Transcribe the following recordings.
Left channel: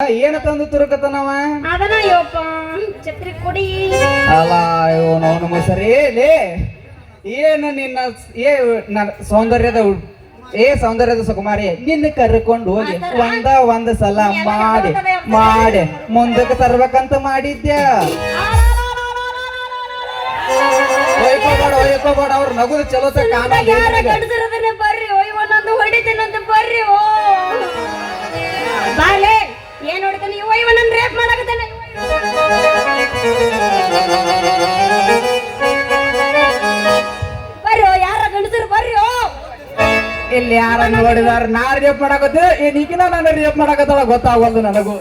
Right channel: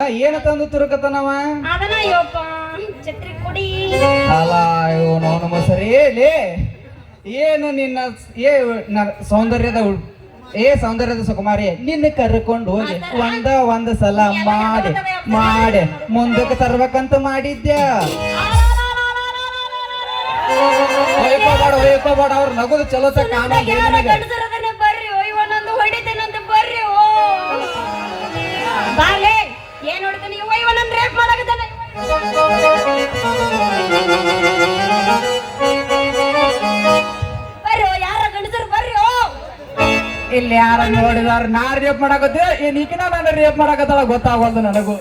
ಏನ ತಂದು ತುರುಕತನವ ಅದನ ಯಪ್ಪ ಛತ್ರಿ ಕೊಡಿ ಅಲ್ಲ ಇವನು ಅವನು ಲೇ ಏನು ನಿನ್ನ ಏ ಸೌಂದರ್ಯದ ಏ ಸೌಂದರ್ಯದ ಸುಕುಮಾರಿ ನಿನ್ನ ಕರ್ಕೊಂಡು ಹೋಗಿ ಒಂದ ಒಂದ ಸಲ ಮಾಡಿ ಮಾಡಿ ಮುಂದಕ್ಕೆ ತರ್ಬೇಕಂತ ಮಾಡಿದ್ಯಾ ಒಯ್ಕೋಬೇಡ ಒಯ್ಕೋಬೇಡ ಅವ್ರ ನಗುದು ಚಲೋ ಕಾಣ ಇಲ್ಲಿ ಯಾರ ನೋಡಿದಾರ ನಾ ರೇಪ್ ಮಾಡಕತ್ತೆ. ಈ ನೀಕಿನ ನಾನು ರೇಪ್ ಮಾಡಕತ್ತಾಳ ಗೊತ್ತಾಗಲ್ದು ನನಗೂ.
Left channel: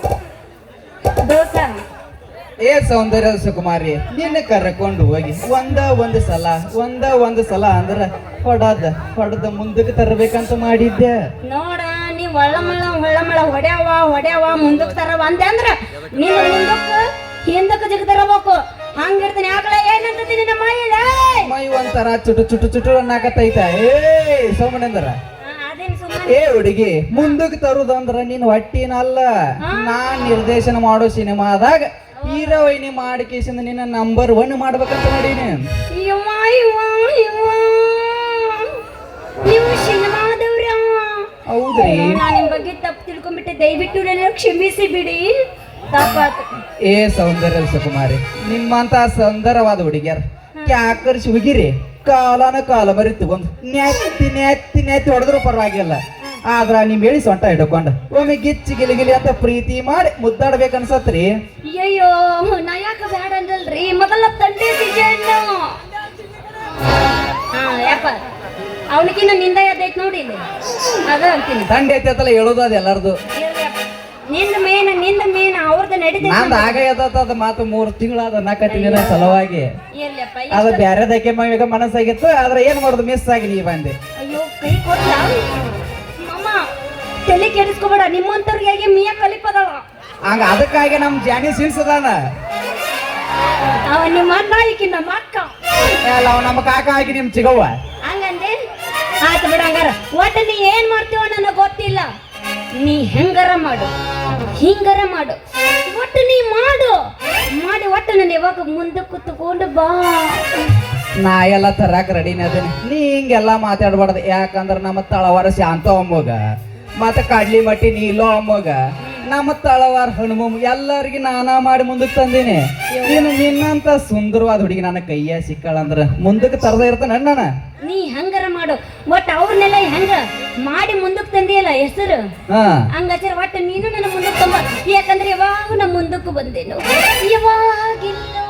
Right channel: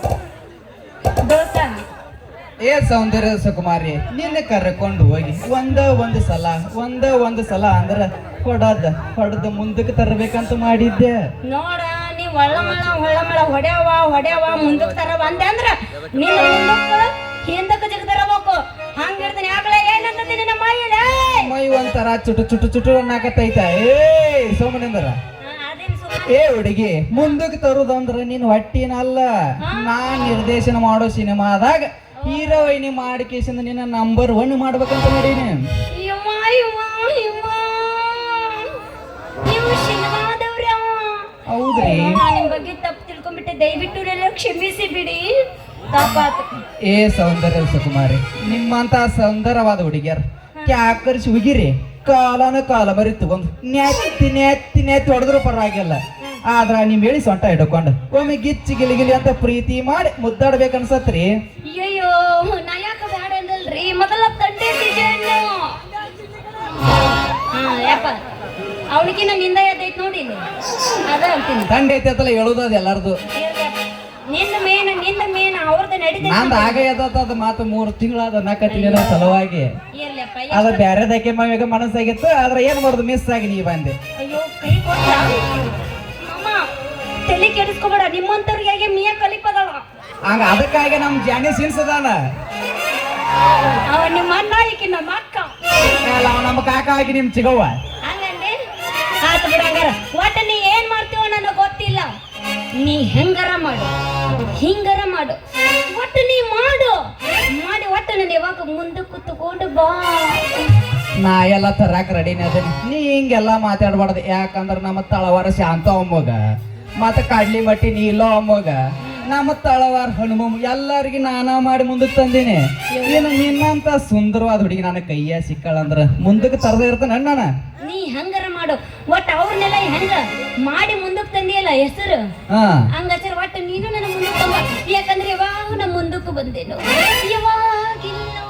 ಏ ಸೌಂದರ್ಯ ಸುಕುಮಾರಿ ನಿನ್ನ ಕರ್ಕೊಂಡು ಹೋಗಿ. ಒಂದ ಒಂದು ಸಲ ಒಂದ ಒಂದು ಸಲ ಅಂದ್ರ ಹೊಡದ ಹೊಡೆದ ಮುಂದಕ್ಕೆ ತರಬೇಕಂತ ಮಾಡಿದ್ದೆ. ನೋಡ ನೀ ಒಳ್ಳಮಳ ಒಳ್ಳಮಳ ಹೊಡ್ಯಾವ ಹೊಡ್ಯಾವ ಮುಂದಕ್ಕೆ ತರವ ಅಂದೆ ಅಂದ್ರ ನೀನು ಮುಂದಕ್ಕೆ ಜಿಗದರ ಜಿಗ್ ತರಬೇಕು ಹಂಗಿರ್ತೀನಿ. ಆಕಳ ಏನಂತತಿ ನಿನ್ನ ಮೈಲೇ ಮೈ ಒಂಥರ ಚುಟು ಚುಟು ಚುಟು ಅನ್ನಕತ್ತೈತ. ಏ ಸೋಮನಂದ್ರ. ಏ ಹುಡುಗಿ ಮುಂದಕ್ಕೆ ತರುದಂದ್ರ ನೀನ್ ಹೊಟ್ಟಿನಲ್ಲ. ನಾನ್ ನಿರ್ದೇಶನ ಮಾಡೋ ಸಿನಿಮಾದಾಗ ಹೀರೋಯಿನಿ ಮಾಡಿ ಕೇಸಿಂದ ನಿನ್ನ ನಂಬರ್ ಒನ್ ಮಾಡ್ಬೇಕಂತ ನೋಡೀನಿ ಹೌದ್ರಿ. ನಿಮ್ ಬಗ್ಗೆ ತಪ್ಪು ತಿಳ್ಕೊಂಡ್ಬಿಟ್ಟೆ. ದಯವಿಟ್ಟು ನನ್ನ ಕ್ಷಮಿಸಿ ಬಿಡಿ. ಏ ಸೌಂದರ್ಯ ಸುಕುಮಾರಿ ನಿಮ್ಮಂತ ಸುಂದರವಾದ ಹುಡುಗಿಯರ್ ಕ್ಯಾಕರ್ಸಿ ಹುಗಿರಿ ಕಾಲಾನ ಕಾಲ ಮರಿ ತಗೊಂಡು ನೆತ್ತಿ ನೆತ್ತಿ ನೆತ್ತಿ ಹೊಡೆದ್ರು ಪರವಾಗಿಲ್ಲ. ಆದ್ರ ನಿಮ್ ಹೇಳಿ ಸೊಂಟ ಹಿಡ್ಕೊಂಡು ಒಮ್ಮೆ ಗಿಚ್ಚಿ ಗಿಲಿಗಿಲಿ ಅಂತ ಪ್ರೀತಿ ಮಾಡಿ ಮುದ್ದಾಡ್ಬೇಕನ್ಸತ್ರಿ? ಅಯ್ಯೋ ನಾ ಯಾಕ ಬೇಡ ಅಂದಲ್ರಿ? ಮೊದಲ ತಂದೆ ಸಿಜಣ್ಣು ಹಾ ಯಪ್ಪ. ಅವನಿಗಿನ್ನ ನಿಂದ ಎದ್ದೈತ್ ನೋಡಿ. ಅದ ಅಂತೀನಿ. ತಂದೆ ಐತೆ ಅಂತಲ್ಲ ಹೇಳೋದು ಅದು ಎಲ್ಲಾರ್ದು. ನಿಂದ ಮೇನ್ನಿಂದ ಅವ್ರದ್ದು ನಡೀತೈತಿ ನಂದು ಆಗ ಎದ್ದದ ಮಾತು ಮೂರು ತಿಂಗಳಾದ ನಾಲ್ಕು ಸಲುವಾಗಿ. ಅದು ಅದು ಬ್ಯಾರೆದಕ್ಕೆ ಈಗ ಮನಸ್ಸಾಗಿತ್ತು ಆದ್ರೆ ಏನ್ ಮಾಡುದು ಮಿಸ್ ಆಗಿ ನೀ ಬಂದೆ. ಅಯ್ಯೋ ಕೈ ಕೊಟ್ಟ ಅಮ್ಮ ತಲೆ ಕೆಡಿಸ್ಕೋಬೇಡ ನಿಮ್ಮಂತವ್ರಿಗೆ ಮಿಯ ಕಲಿಪದವ ಹಂಗ ಅದಕ್ಕಾಗಿ ನಮ್ ಜಾನಿ ಸಿನ್ಸದಾನ. ಅವ ನಿಮ್ಮ ಅಣ್ಣ ಈಕಿ ನಮ್ಮ ಅಕ್ಕ. ಅಲ್ಲ ಅವ ನಮ್ಮ ಕಾಕ ಆಗಿ ನಿಮ್ ಚಿಗವ್ವ. ಹಂಗಂದೆ? ಆಯ್ತು ಬಿಡ ಹಂಗಾರ. ಒಟ್ಟು ನೀ ಏನ್ ಮಾಡ್ತೀವ ನನಗೆ ಗೊತ್ತಿಲ್ಲ. ನೀ ಹೆಂಗಾರ ಮಾಡು. ಹಿಂಗಾರ ಮಾಡು. ಒಟ್ಟು ನೀ ಮಾಡು. ಮಾಡಿ ಒಟ್ಟು ನಾನು ಯಾವಾಗ ಮುಂದೆ ಕುತ್ಕೊಂಡು ಬಾ. ನಾ ಎಲ್ಲ ತರಾಕ ರೆಡಿನೇ ಅದೇನಿ. ನೀ ಹಿಂಗೆಲ್ಲ ಮಾತಾಡ್ಬಾರ್ದು. ಯಾಕಂದ್ರೆ ನಮ್ಮ ತಳವಾರ ಶಾಂತ ಅಮ್ಮಗ ಮತ್ತೆ ಕಡ್ಲಿ ಮಟ್ಟಿ ನೀಲೋ ಅಮ್ಮಗ ನಮ್ಮ ತಳವಾರ ಹನುಮ ಎಲ್ಲರಿಗೆ ನಾನಾ ಮಾಡಿ ಮುಂದಕ್ಕೆ ತಂದೀನಿ. ಏನು ನಿನ್ನಂತ ಸುಂದರವಾದ ಹುಡುಗಿ ನನ್ನ ಕೈಯ ಸಿಕ್ಕಳಂದ್ರ ಮುಂದಕ್ಕೆ ತರದ ಇರ್ತಾನೆ ಅಣ್ಣ ನೀ ಹಂಗಾರ ಮಾಡು. ಒಟ್ಟು ಅವ್ರನ್ನೆಲ್ಲ ಹೆಂಗ ಮಾಡಿ ಮುಂದಕ್ಕೆ ತಂದಿಯಲ್ಲ ಹೆಸರು? ಹಾ. ಹಂಗಾದ್ರೆ ಒಟ್ಟು ನೀನು ಮುಂದಕ್ಕೂ ಬಂದೇನು? ಯಾವಾಗಿಲ್ಲೋ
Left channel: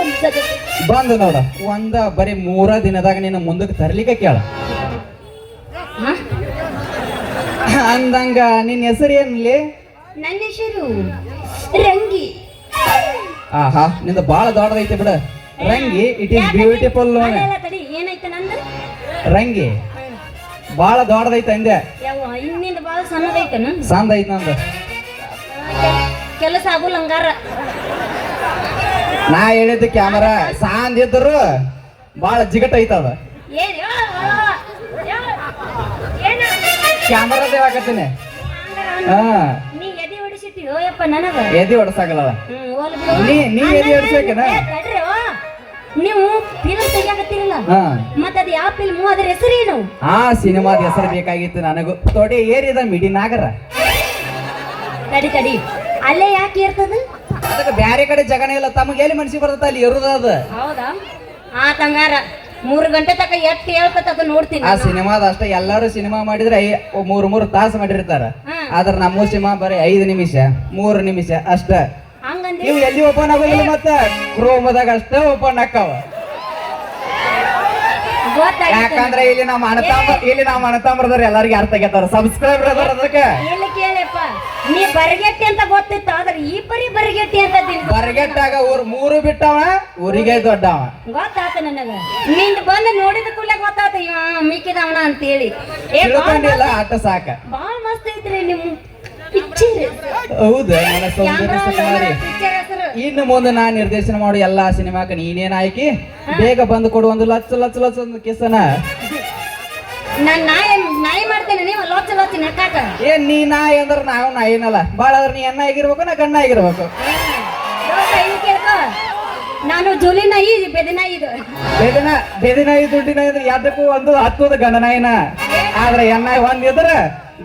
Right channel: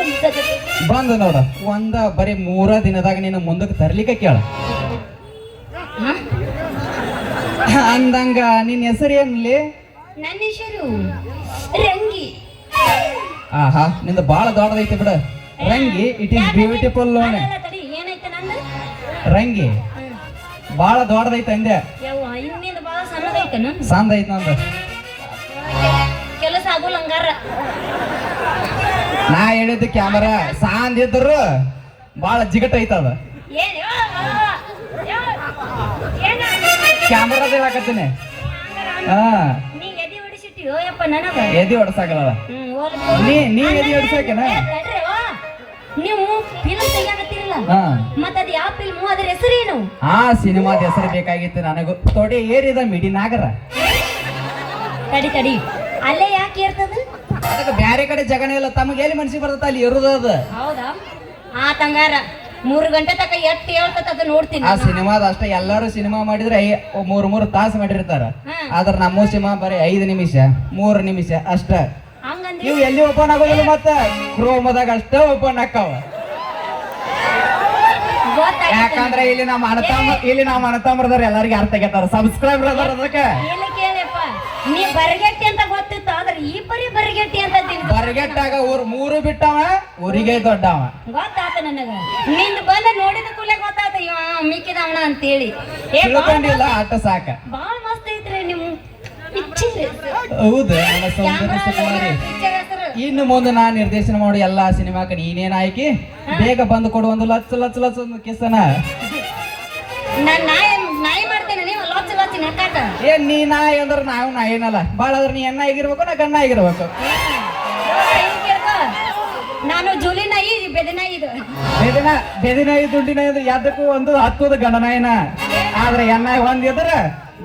ಅನ್ಸದಕ್ಕೆ ಬಂದ ನೋಡ ಒಂದ ಬರೀ ಮೂರ ದಿನದಾಗ ನಿನ್ನ ಮುಂದಕ್ಕೆ ತರ್ಲಿಕ್ಕೆ ಕೇಳ? ಅಂದಂಗ ನಿನ್ನ ಹೆಸರು ಏನ್ಲಿ? ನನ್ನ ಹೆಸರು ರಂಗಿ. ಆಹಾ ನಿಂದ ಬಾಳ ದೊಡ್ಡದೈತೆ ಬಿಡ. ರಂಗಿ ಇಟ್ ಈಸ್ ಬ್ಯೂಟಿಫುಲ್ ಅಲ್ಲ, ತಡಿ ಏನೈತೆ ನಂದು? ರಂಗಿ ಬಾಳ ದೊಡ್ಡದೈತೆ ಅಂದೆ. ಯಾವ ಇನ್ನಿಂದ ಭಾಳ ಸಣ್ಣದೈತೆನ ಸಂದ ಐತ್ ನಂದು. ಕೆಲಸ ಆಗೋಲ್ಲ ಹಂಗಾರ. ನಾ ಹೇಳಿದ ಕ್ಯಾಮರಾ ಸಾಂದ್ ಇದ್ರು ಬಾಳ ಜಿಗಟ್ ಐತದ. ಏನ್? ಹಾಕತ್ತೀನಿ. ಹಾ. ನೀ ಎದೆ ಹೊಡಿಸಿಟ್ಟಿಯೋ ಯಪ್ಪ ನನಗ? ಎದಿ ಹೊಡ್ಸಾಗಲ್ಲ ಹ್ಮ್, ಹೋಗ್ಲಿ ಬಿಡು. ನೀ ನೀ ಎದಿ ಏ, ಅವ್ವ. ನೀವು ಫಿಲ್ಮ್ ತೆಗಿಯಾಕತ್ತೀರಲ್ಲ? ಹಾ. ಮತ್ತ ಅದ್ ಯಾವ ಫಿಲ್ಮು ಅದ್ರ ಹೆಸರೇನು ಆ ಸಿನಿಮಾದ ಹೆಸರು ಬೇಕಾಗಿತ್ತು ನನಗೂ. ತೊಡೆ ಏರಿದ ಮಿಡಿ ನಾಗರ. ತಡಿ ತಡಿ. ಅಲ್ಲೇ ಯಾಕೆ ಇರ್ತದ ಅದಕ್ಕೆ ಬ್ಯಾರೆ ಕಡೆ ಜಗಣ ಇಲ್ಲ. ತಮಗೆ ಎಲ್ಲಿ ಮನ್ಸಿಗೆ ಬರ್ತದ ಅಲ್ಲಿ ಇರುದ ಅದ. ಹೌದಾ? ಆ ತಂಗಾರ ಮೂರು ಗಂಟೆ ತಕ ಎಟ್ಟು ಹೇಳ್ಕೊತದ ನೋಡ್ತೀನಿ. ಆ ಸಿನಿಮಾದ ಅಷ್ಟೇ ಎಲ್ಲಾರು ಸಿನಿಮಾ ಮಾಡಿದ್ರೆ ಮೂರು ಮೂರ್ ಮೂರ್ ತಾಸು ಮಾಡಿರ್ತಾರ. ಆದ್ರೆ ನಮ್ಮ ಸಿನಿಮಾ ಬರೀ ಐದು ನಿಮಿಷ ಮೂರು ನಿಮಿಷ ಅಷ್ಟ. ಹಂಗಂದ್ರೆ? ಇವು ಎಲ್ಲಿ ಓಪನ್ ಆಗೋದಿಲ್ಲ ಮತ್ತ? ಕ್ರೋಮದಾಗ ಅಷ್ಟೇ ಓಪನ್ ಆಕಾವ ಗೊತ್ತಾಯ್ತು. ಯಾಕಂದ್ರೆ ಇಲ್ಲಿ ನಮ್ಮ ಅಣತಾಂಬ ಇಲ್ಲಿ ನಮ್ಮ ಅಣತಾಂಬ್ರದವ್ರು ಎಲ್ಲಾರಿಗೆ ಅರ್ಥ ಆಗತ್ತಾರ ಸಬ್ಸ್ಕ್ರೈಬರ್ ಅದಕ್ಕೆ. ಎಲ್ಲಿ ನೀ ಬರಗೆಟ್ಟಿ ಅಂತ ಗೊತ್ತಿತ್ತು ಆದ್ರೆ ಈ ಪರಿ ಬರಗೆಟ್ಟಿ ಅಂತ ತಿಳ್ಕೊ. ಬರಗೆಟ್ಟಾಗ ಊರ್ ಮೂರು ಬಿಟ್ಟವ ಊರಿಗೆ ದೊಡ್ಡವ. ಗೊತ್ತಾತ ನನಗ. ನಿಂದ ಬಂದು ನೋಡಿದ ಕೂಡಲೇ ಗೊತ್ತಾತ ಇವ ಮಿಕ್ಕಿದವನ ಅಂತೇಳಿ. ಏ ತಿಳ್ಕೊಂಡಿಲ್ಲ ಆಟ ಸಾಕ. ಬಾಳ ಮಸ್ತ್ ಐತ್ರಿ ನಿಮ್ಮ ಪಿಕ್ಚರ್ ಹೌದು ನನ್ನ ಸೌಂದರ್ಯ ಸುಕುಮಾರಿ ಇನ್ನು ಮುಂದೆ ನಾ ನಿರ್ದೇಶನ ಮಾಡೋ ಎಲ್ಲಾ ಸಿನಿಮಾಕ ನೀನೇನ್ ಆಯ್ಕೆ? ಬೇಗ ಬಂದು ಕೊಡು ಒಂದು ಲಚ್ಚ ಲಚ್ಚ ಲಚ್ಚ ಒಂದು ಕಿಸನ ನನ್ನ ನಾಯಿ ನಾಯಿ ಏನ್ ನೀ ನಾಯಿ ಅಂದ್ರ ನಾವು ನಾಯಿನಲ್ಲ ಬಾಳ ಅದ್ರ ನೀ ಎನ್ನ ಆಗಿರ್ಬೇಕು ನಾ ಗಣ್ಣ ಆಗಿರ್ಬೇಕು. ನಾನು ಜುಲಿ ನಾಯಿ ಇದು. ಬೆದ ನಾಯಿ ಇದು ಬೇದಿನ ಬೇದಿನ ದುಡ್ಡಿನ ಇದ್ರೆ ಎದಕ್ಕೂ ಒಂದು ಹತ್ತದ ಗಂಡನಾಯಿನ ಆದ್ರೆ ಎಣ್ಣಾಯಿ ಒಂದ್ ಇದ್ರ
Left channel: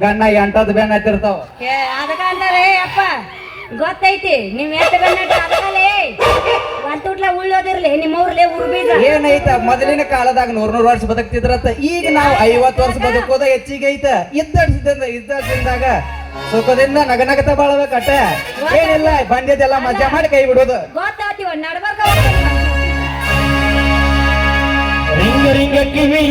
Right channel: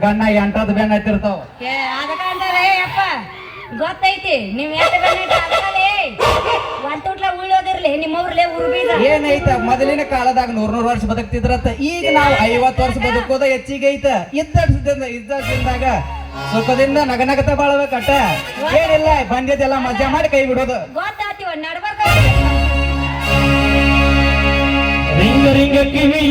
ಗಂಡ ಎಂಟದ್ ಬೆನ್ನ ಹತ್ತಿರ್ತಾವ ಏ, ಅದಕ್ಕ ಅಂತಾರೆ ಅಪ್ಪ ಗೊತ್ತೈತಿ ನೀವ್ ಎತ್ತ ಏನೈತ? ಮೊದಲಿನ ಕಾಲದಾಗ ನೂರ್ ನೂರ್ ವರ್ಷ ಬದುಕ್ತಿದ್ರತ್ತ ಈಗ ನಾವು ಐವತ್ ವರ್ಷ ಬದುಕೋದ ಹೆಚ್ಚಿಗೆ ಐತ. ಇದ್ದಿದ್ದ ಇದ್ದಾಗ ಸುಖದಿಂದ ನಗನಗತ ಬಾಳ್ಬೇಕಟ್ಟ. ಏನಿಲ್ಲ ಬಂದಿದ್ದೆಲ್ಲ ಮಜಾ ಮಾಡಿ ಕೈ ಬಿಡೋದು. ಗೊತ್ತಾಗ್ತಿವ ರಿಂಗ ರಿಂಗ ಕಿವಿ